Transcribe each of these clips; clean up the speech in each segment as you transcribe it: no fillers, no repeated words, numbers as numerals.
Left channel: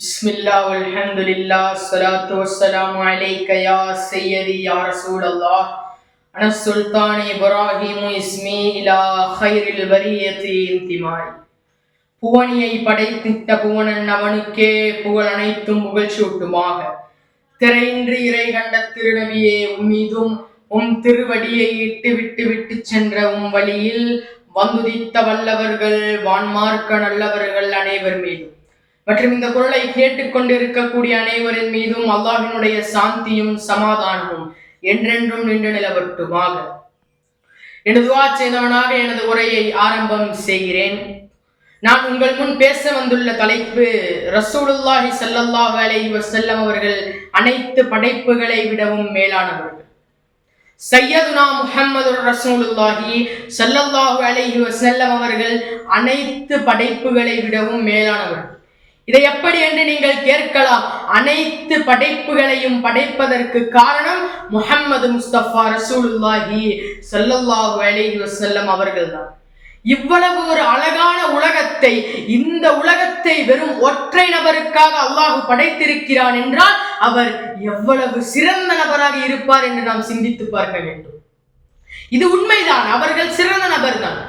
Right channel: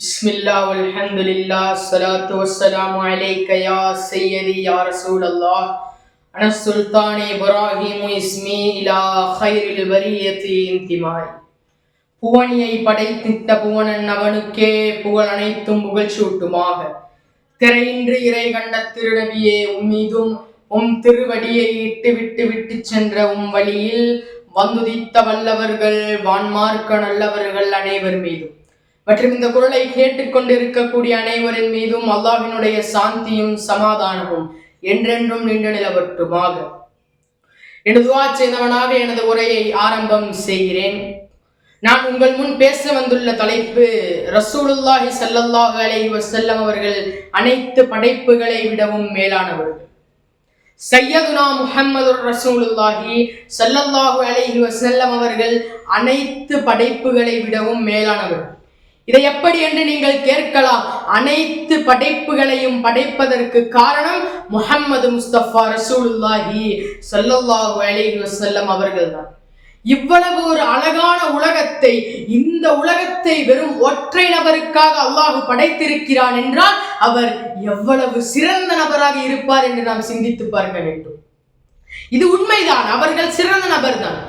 பிஸ்மில்லாஹ் வல்ஹம்துலில்லாஹ் ஸலாத்து வஸ்ஸலாமு அலைக யா சய்யதி யா ரசூலல்லாஹ் அன சுல்தான் இப்ராஹீம் இஸ்மி இலா கைரில் வரியத்தி இன்திமாய். புவனியை படைத்திட்ட புவனன் அவனுக்கே புகழ் அனைத்தும் புகழ்ச்சூட்டுமாக. திரையின்றி இறை கண்ட திருநபியே உம்மீதும் உம் திருவடியை விட்டு சென்ற உம் வழியில் வந்துதித்த வல்லவர்கள் வான்மார்க்க நல்லவர்கள் அனைவர் மீதும் மற்றும் இந்த குரலை கேட்டுக்கொண்டிருக்கக்கூடிய அனைவரின் மீதும் அல்லாஹ்வினுடைய சாந்தியும் சமாதானமும் என்றென்றும் நின்று நிலவட்டுமாக. எனது துஆ செய்தவனாக எனது உரையை ஆரம்பம் செய்கிறேன். நான் உங்கள் முன் பேச வந்துள்ள தலைப்பு ரசூலுல்லாஹி ஸல்லல்லாஹு அலைஹி வஸல்லம் அவர்கள் அனைத்து படைப்புகளை விடவும் மேலானவர்கள். சையதுனா முஹம்மதுர் ரசூலுல்லாஹி ஸல்லல்லாஹு அலைஹி வஸல்லம் அவர்கள் அனைத்து படைப்புகளை விடவும் மேலானவர்கள். இதை எப்படி என்று நீங்கள் கேட்கலாம். அனைத்து படைப்புகளையும் படைப்பதற்கு காரணம் முஹம்மது முஸ்தபா ரசூலுல்லாஹி ஸல்லல்லாஹு அலைஹி வஸல்லம் அவர்கள்தான். இவ்வளவு ஒரு அழகான உலகத்தை, இந்த உலகத்தை வெறும் ஒற்றை நபருக்காக அல்லாஹ் படைத்திருக்கிறான் என்றால் அவர் எவ்வளவு சிறந்த நபராக இருப்பார் என்று நாம் சிந்தித்து பார்க்க வேண்டும். இது உண்மைதான், அவர்கள் சிறந்த நபர் தான்.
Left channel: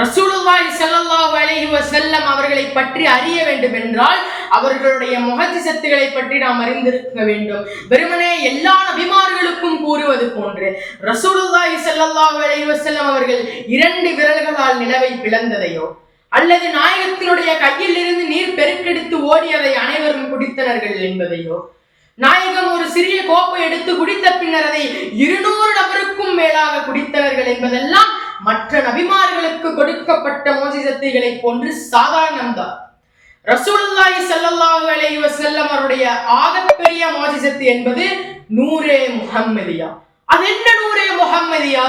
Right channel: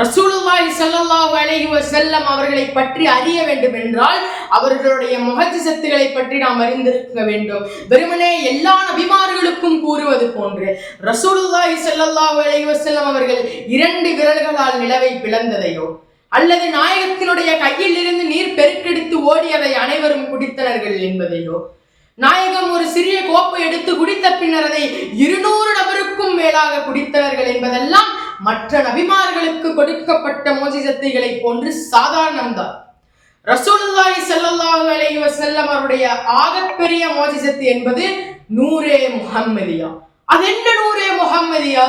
ரசூலுல்லாஹி ஸல்லல்லாஹு அலைஹி வஸல்லம் அவர்களை பற்றி அறிய வேண்டும் என்றால் அவர்களுடைய முஹஜிசத்துகளை பற்றி நாம் அறிந்திருக்க வேண்டும். வெறுமனே எல்லா நபிமார்களுக்கும் கூறுவது போன்று ரசூலுல்லாஹி ஸல்லல்லாஹு அலைஹி வஸல்லம் அவர்கள் 2 விரல்களால் நிலவை பிளந்ததையோ அல்லது நாயகத்தினுடைய கையில் இருந்து நீர் பெருக்கெடுத்து ஓடியதை அனைவரும் குடித்தனர்கள் என்பதையோ, நாயகம் ஒரு சிறிய கோப்பை எடுத்து குடித்த பின்னர் அதை 200 நபருக்கும் மேலாக குடித்தவர்கள் என்பதெல்லாம் மற்ற நபிமார்களுக்கு கொடுக்கப்பட்ட மோஜிசத்துகளை போன்று சாதாரணம்தான். ரசூலுல்லாஹி ஸல்லல்லாஹு அலைஹி வஸல்லம் அவருடைய ஆகப்பெரிய மோஜிசத்து என்பது நூரே முஹம்மதியா. அது என்ன நூரே முஹம்மதியா?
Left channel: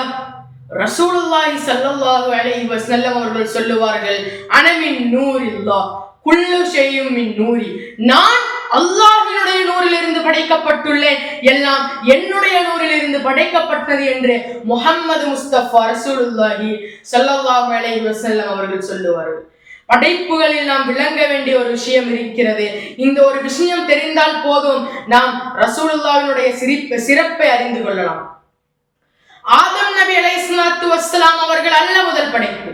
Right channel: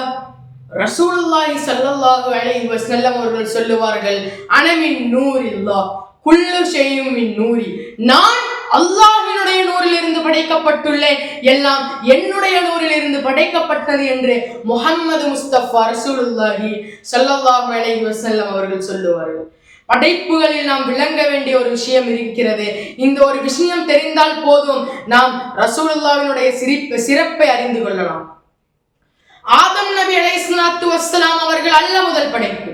ரசூலுல்லாஹி ஸல்லல்லாஹு அலைஹி வஸல்லம் அவர்கள் சொல்லுவார்கள், அனமின் நூரில்லாஹ் குல்லு ஷையும் மின் நூரி. நான் அல்லாஹ்வினுடைய நூறிலிருந்து படைக்கப்பட்டுள்ளேன், எல்லாம் என்னுடைய நூறிலிருந்து படைக்கப்பட்டது என்று முஹம்மது முஸ்தபா ரசூலுல்லாஹி ஸல்லல்லாஹு அலைஹி வஸல்லம் அவர்கள் சொல்லுவார்கள். படைப்புகளில் நாம் விளங்க வேண்டிய ஒரு விஷயம் இருக்கிறது. இந்த ஒரு விஷயம் தெரிந்தால் போதும், நாம் ரசூலுல்லாஹ்வினுடைய சிறப்பை அறிந்து கொள்ளலாம். ஆதம் நபி அலைஹிஸ்ஸலாத்து வஸ்ஸலாம் அவர்கள் அல்ல முதல் படைப்பு.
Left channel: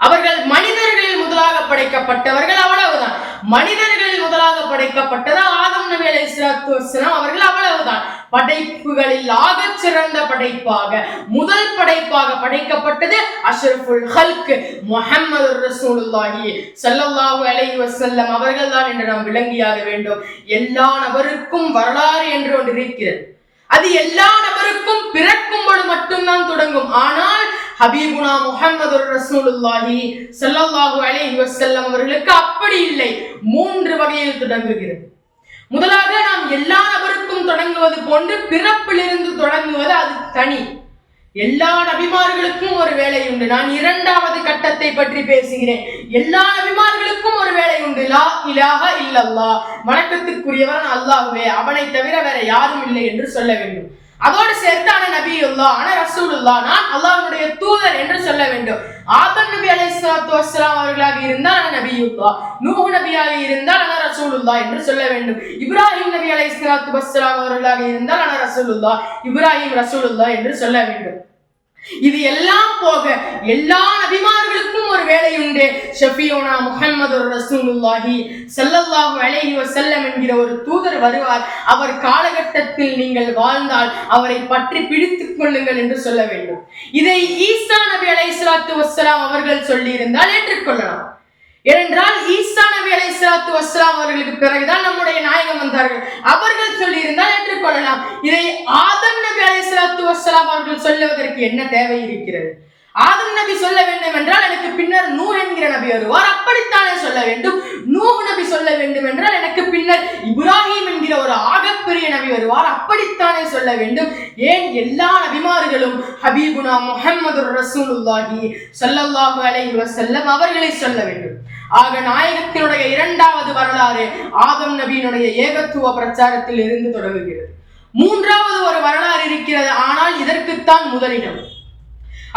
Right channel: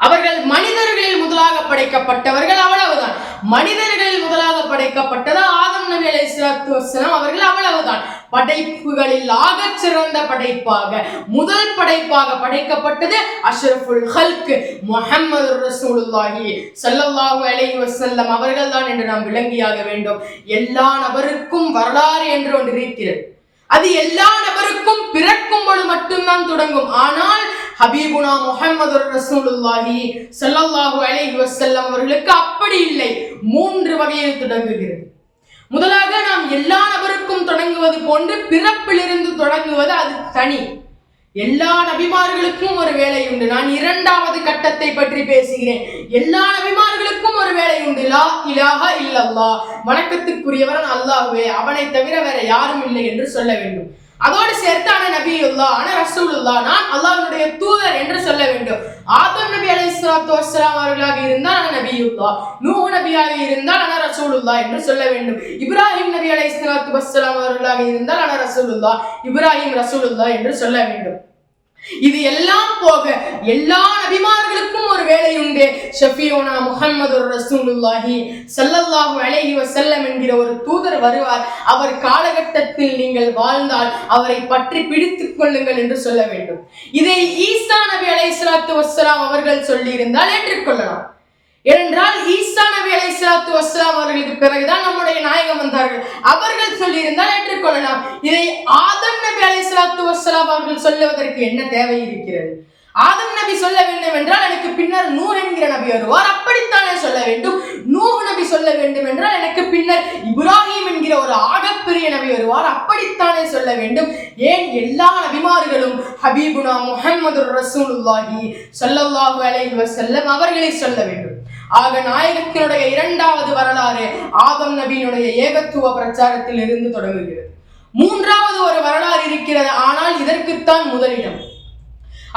அவர்கள் மனிதர்களில் முதலாக படைக்கப்பட்டவர்கள், அவ்வளவுதான். மனிதர்களில் முதலாக படைக்கப்பட்டது ஆதம் நபி அலைஹிஸ்ஸலாத்து வஸ்ஸலாம் அவர்கள், அவ்வளவுதான். படைப்புகளில் ஆக சிறந்த படைப்பாக, முதல் படைப்பாக படைக்கப்பட்டது அஷ்ரஃபுல் ஹல்க் முஹம்மது ரசூலுல்லாஹி ஸல்லல்லாஹு அலைஹி வஸல்லம் அவர்கள் தான் என்று நாம் விளங்கியாக வேண்டும். எல்லா நபருக்கும் வரலாறு என்று ஒன்று இருக்கிறது. அது எல்லா நபருக்கும் பிறக்கும் பொழுது மட்டும்தான் தொடங்கும். ஆனால் ஹபீபுனா முஹம்மது ரசூலுல்லாஹி ஸல்லல்லாஹு அலைஹி வஸல்லம் அவர்களுக்கு அப்படி இல்லை. 3 வகையில் தொடங்குகிறது. முதலாக நாம் எல்லா நபருக்கும் தொடங்குவது போன்று பிறப்பிலிருந்து தொடங்குவது அது தனி. எல்லா நபிமார்களுக்கும் ஒரு வேலை உண்டு. நான் 2வது கட்டத்தை பற்றி பேசுகிறேன். எல்லா நபிமார்களுக்கும் ஒரு வேலை உண்டு. லா இலாஹ இல்லல்லாஹ், வணக்கத்துக்குரியவன் அல்லாஹ்வே, அவனை தவிர வேற யாரும் இல்லை என்று சொல்ல வேண்டும். அதோடு சேர்த்து அன நபியுல்லாஹ், அன ரசூலுல்லாஹ், நான் அல்லாஹ்வுடைய தூதர் என்று சொல்ல வேண்டும். ஆதம் நபி அலைஹிஸ்ஸலாத்து வஸ்ஸலாம் அவர்களாக இருந்தால் அன நபியுல்லாஹ், நூஹ் நபியாக இருந்தால் அன ரசூலுல்லாஹ் என்று சொல்ல வேண்டும். இப்ராஹிம் நபி அலைஹிஸ்ஸலாத்து வஸ்ஸலாம் அவர்களாக இருந்தால் அன ரசூலுல்லாஹ், இப்ராஹிம் ரசூலுல்லாஹ் என்று சொல்ல வேண்டும். இது எல்லாம் போக எல்லா நபிமார்களுக்கும் ஒரு வேலை உண்டு. ஷஃபியூனா முஹம்மது ரசூலுல்லாஹி ஸல்லல்லாஹு அலைஹி வஸல்லம் என்கிற ஒரு தூதர் வருவார். அவர் காலகட்டத்தில் நீங்கள் வாழ்ந்தால் அவரை பற்றி பிடித்துக் கொள்ளுங்கள் என்று சொல்ல வேண்டும். இதை ஈசா நபி அலைஹிஸ்ஸலாத்து வஸ்ஸலாம் அவர்கள் சொல்லி இருந்தால் ஏற்றுக்கொள்ளலாம். ஏனென்றால் ஈசா நபி அலைஹிஸ்ஸலாத்து வஸ்ஸலாம் அவர்களுக்கு பிறகுதான் நம்முடைய நாயகம் வந்தார்கள். அவர்கள் சொல்லி இருந்தால் ஏற்றுக்கொள்ளலாம். இதை ஆதம் நபி அலைஹிஸ்ஸலாத்து வஸ்ஸலாம் அவர்கள் சொல்லுவதற்கு என்ன தேவை இருக்கிறது? ஆதம் நபி சொல்ல வேண்டும் என்றால் எனக்கு பின்னர் நூஹ் என்கிற நபி வருவார், அப்படித்தானே சொல்ல வேண்டும். நூஹ் நபி சொல்ல வேண்டும் என்றால் எனக்கு பின்னர் இப்ராஹிம் என்கிற ஒரு ஆகப்பெரிய நபி வருவார், அப்படித்தானே சொல்ல வேண்டும். ஏன் எல்லா நபிமார்களும் ஹபீபுனா முஹம்மது ரசூலுல்லாஹி ஸல்லல்லாஹு அலைஹி வஸல்லம் அவர்களை சொல்ல வேண்டும். ஆக நாயகத்தினுடைய 2வது வரலாறு ஆதம் நபியினுடைய ஏகத்துவ பிரச்சாரத்தில் இருந்து தொடங்குகிறது. 3வது ஒரு வரலாறு இருக்கிறது. ஆனால் இதற்குத்தான் முதலிடம்.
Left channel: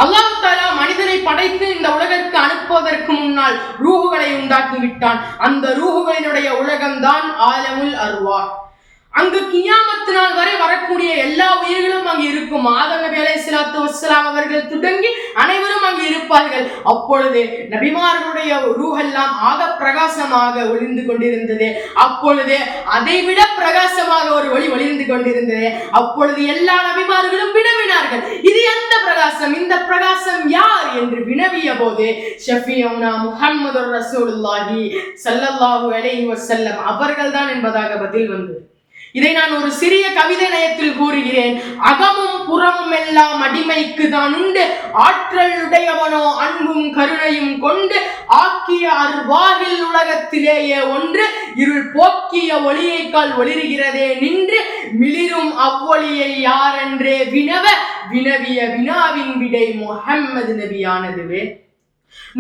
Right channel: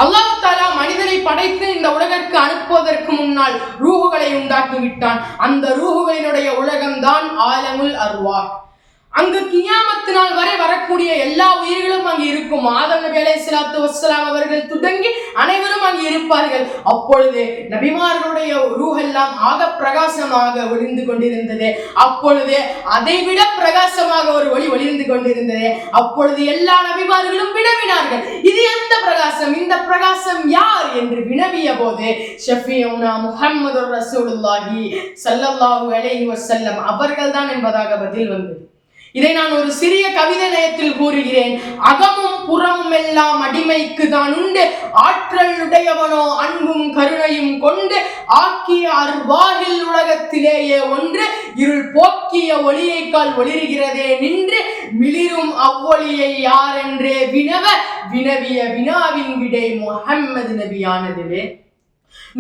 அல்லாஹ் தஆலா மனிதனை படைத்து இந்த உலகிற்கு அனுப்புவதற்கு முன்னால் ரூஹுகளை உண்டாக்கி விட்டான். அந்த ரூஹுகளினுடைய உலகம்தான் ஆலமுல் அர்வாஹ். அங்கு கியாமத்து நாள் வரை வரக்கூடிய எல்லா உயிர்களும் அங்கு இருக்கும். ஆதம் நபி அலைஹிஸ்ஸலாத்து வஸ்ஸலாம் அவர்கள் தொடங்கி அனைவரும் அங்கு இருப்பார்கள். அப்பொழுது நபிமார்களுடைய ரூஹெல்லாம் ஆக பிரகாசமாக ஒளிந்து கொண்டிருந்தது. அப்பொழுது அதைவிட பிரகாசமாக ஒரு ஒளி ஒளிர்ந்து கொண்டிருந்தது. அப்பொழுது எல்லா நபிமார்களும் வினவினார்கள், இது எந்த பிரகாசம், இந்த பிரகாசம் யார் என்று வினவிய போது ஷஃபியூனா முஹம்மதுர் ரசூலுல்லாஹி ஸல்லல்லாஹு அலைஹி வஸல்லம் அவர்கள்தான் என்பதாக பதில் வந்தது. இதை நான் ஒரு சிறிய கவிதை நயத்தில் கூறுகிறேன். அகமும் புறமும் எல்லாம் அடிமைக்கு தான் உண்டு, ஆற்றல் உடையவனோ அன்பும் கருணையும் கொண்டு ஆக்கிய அர்வாகில் உலகத்திலேயே ஒன்று இருள் போக்கிய ஒளியைக்கால் ஒளிர்கிறதே நின்று மிளிரும் அவ்வொளியை யாரென்றே வினவிய வினாவின் விடை முஹம்மது நபியானதுவே.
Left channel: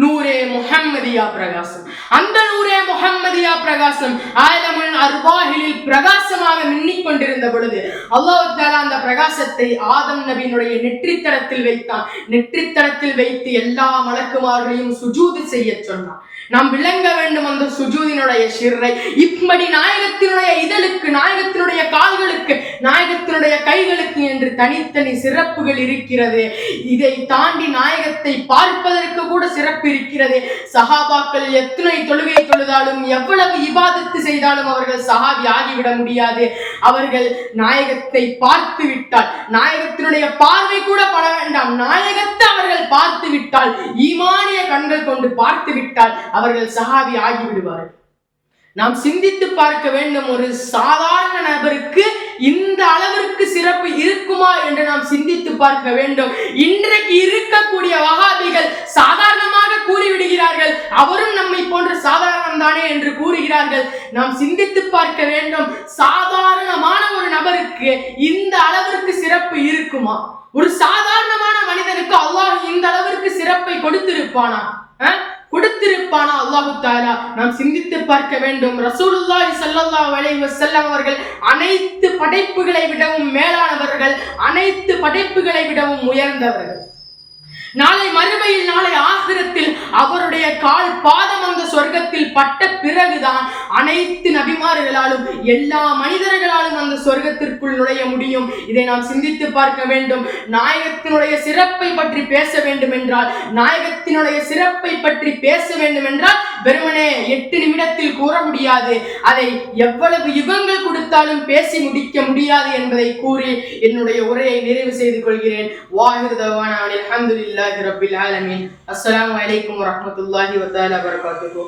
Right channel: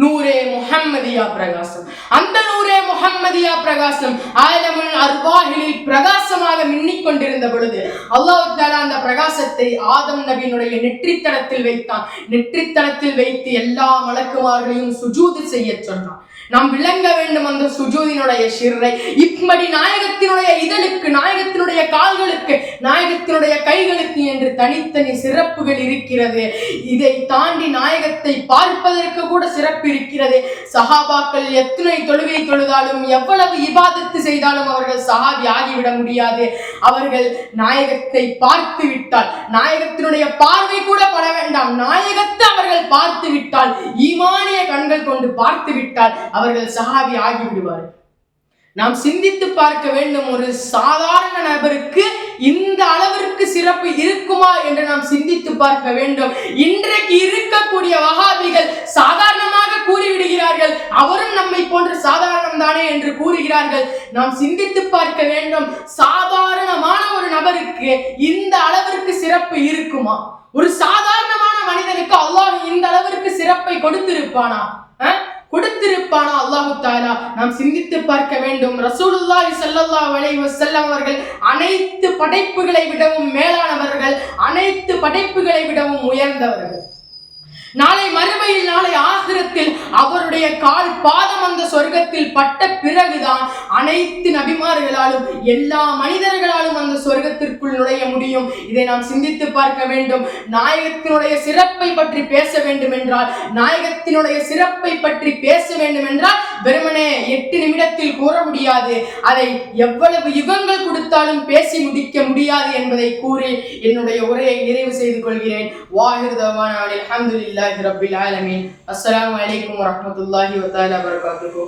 நூரே முஹம்மதியா பிரகாசம். அந்த நூரே முஹம்மதியா பிரகாசம் ஆலமுல் அர்வாஹில் பிரகாசமாக மின்னிக் கொண்டிருந்த பொழுது அல்லாஹ் தஆலா அந்த பிரகாசத்தை ஆதம் நபியினுடைய நெற்றித்தளத்தில் வைத்தான். நெற்றித்தளத்தில் வைத்து எல்லா மலக்குமார்களையும் சுஜூது செய்ய சொன்னான். நாம் விளங்க வேண்டும் அந்த சுஜூதினுடைய ஷிர்ரை. இப்படி நாயகத்தினுடைய இதழுக்கு, நாயகத்தினுடைய கால்களுக்கு, நாயகத்தினுடைய கைகளுக்கு என்று தனித்தனி சிறப்புகள் இருக்கிறது. இதை தாண்டி நாயகத்தை பார்ப்பதற்கு கூட சிறப்பு இருக்கிறது. சஹாபாக்கள் எத்தனை தொழுகை தொழுதாலும், எவ்வளவு இபாதத்து செய்தாலும் அவர்கள் சஹாபி ஆகிவிட முடியாது. அவர்கள் நாயகத்தை பார்த்து விட்டால், நாயகத்தினுடைய பார்வை கூட பட வேண்டாம், நாயகத்தை அவர்கள் பார்த்து விட்டால், ஈமானிய கண்கள் கொண்டு பார்த்து விட்டால் அவர்கள் சஹாபி ஆகிவிடுவார்கள். நாம் சிந்தித்து பார்க்க வேண்டும், ஒரு சாதாரண நபருக்கு இந்த அளவிற்கு சிறப்பு இருக்குமா என்று நாம் சிந்தித்து பார்க்க வேண்டும். இன்றைக்கு இருக்கக்கூடிய வஹாபிகள் சாதாரணமாக கூறிவிடுகிறார்கள், அவரும் நம்மை போன்ற சாதாரணம் தானே என்று கூறுகிறார்கள். நாம் சிந்தித்து பார்க்க வேண்டும், சாதாரணமான ஒரு நபருக்கு இந்த அளவிற்கு சிறப்பு இருக்குமா? ஒரு சாதாரணமான மனிதனுக்கு அல்லாஹ் இந்த அளவிற்கு சிறப்பை கொடுத்திருப்பானா? அல்லாஹு தஆலா நாம் சிந்தித்து பார்க்க வேண்டும். ரசூலுல்லாஹி ஸல்லல்லாஹு அலைஹி வஸல்லம் அவர்கள் அனைத்து படைப்புகளை விடவும் மேலானவர்கள், அனைத்து படைப்புகளை விடவும் உயர்ந்தவர்கள். நாளை மறுமையில், நாளை ஆகிரத்தில் அவருடைய கால் பாதம் அந்த சொர்க்கத்தில் பட்ட பிறகுதான் அனைத்து நபிமார்களாலும் எல்லா மனிதர்களாலும் அந்த சொர்க்கத்திற்குள் நுழைய முடியும். இதை நாம் சிந்தித்து பார்க்க வேண்டும். நாயகத்தினுடைய சிறப்பை பற்றி பேச வேண்டும் என்றால், நாயகத்தினுடைய சிறப்பை பற்றி பேச வேண்டும் என்றால் வெறுமனே 8 நிமிடத்தில் கூற முடியாது. அதை எவ்வளவு யுகங்கள் கொடுத்தாலும் பேசி முடிக்க முடியாது என்பதை கூறி என்னுடைய உரையை நிறைவு செய்து கொள்கிறேன். வாஹிர் தவானா அல்ஹம்துலில்லாஹி ரப்பில் ஆலமீன். அஸ்ஸலாமு அலைக்கும் வரஹ்மத்துல்லாஹி வ தஆலா வபரகாத்துஹு.